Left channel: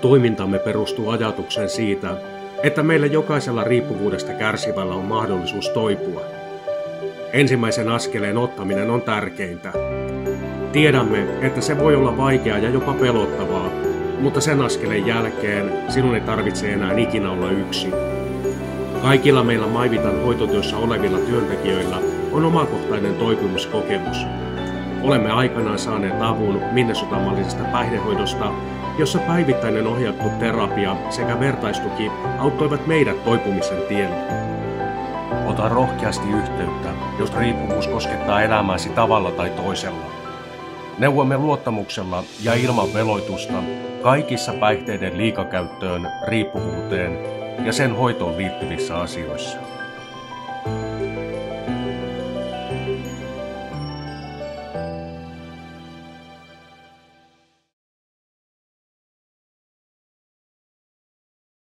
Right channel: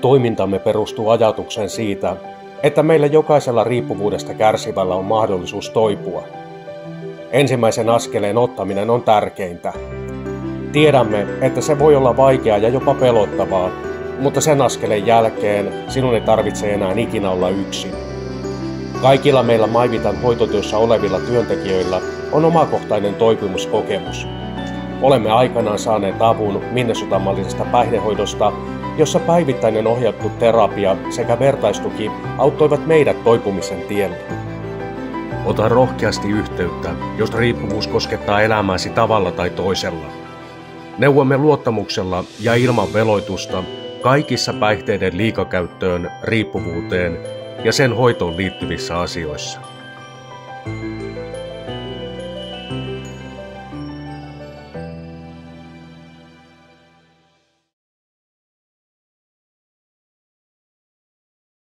Toimintamme perustuu ajatukseen siitä, että meillä jokaisella riippuvuudesta kärsivällä on mahdollisuus toipua. Ensimmäisen askeleen ottaminen on tärkeintä. Tiedämme, että se voi olla vaikeaa ja jopa pelottavaa, mutta sen askeleen jälkeen sinun ei tarvitse enää ikinä olla yksin. Kaikilla meillä Maivitan hoitotyössä olevilla työntekijöillä on omakohtainen toipumuskokemus. Olemme aikanaan saaneet avun minnesotamallisesta päihdehoidosta, jossa päivittäinen ohjattu terapia sekä vertaistuki auttoivat meidät toipumisen tiellä. Ota rohkeasti yhteyttä, jos riippuvuus koskettaa elämääsi tavalla tai toisella. Neuvomme luottamuksella ja ilman veloitusta kaikissa päihteiden liikakäyttöön, riippuvuuteen ja sen hoitoon liittyvissä asioissa.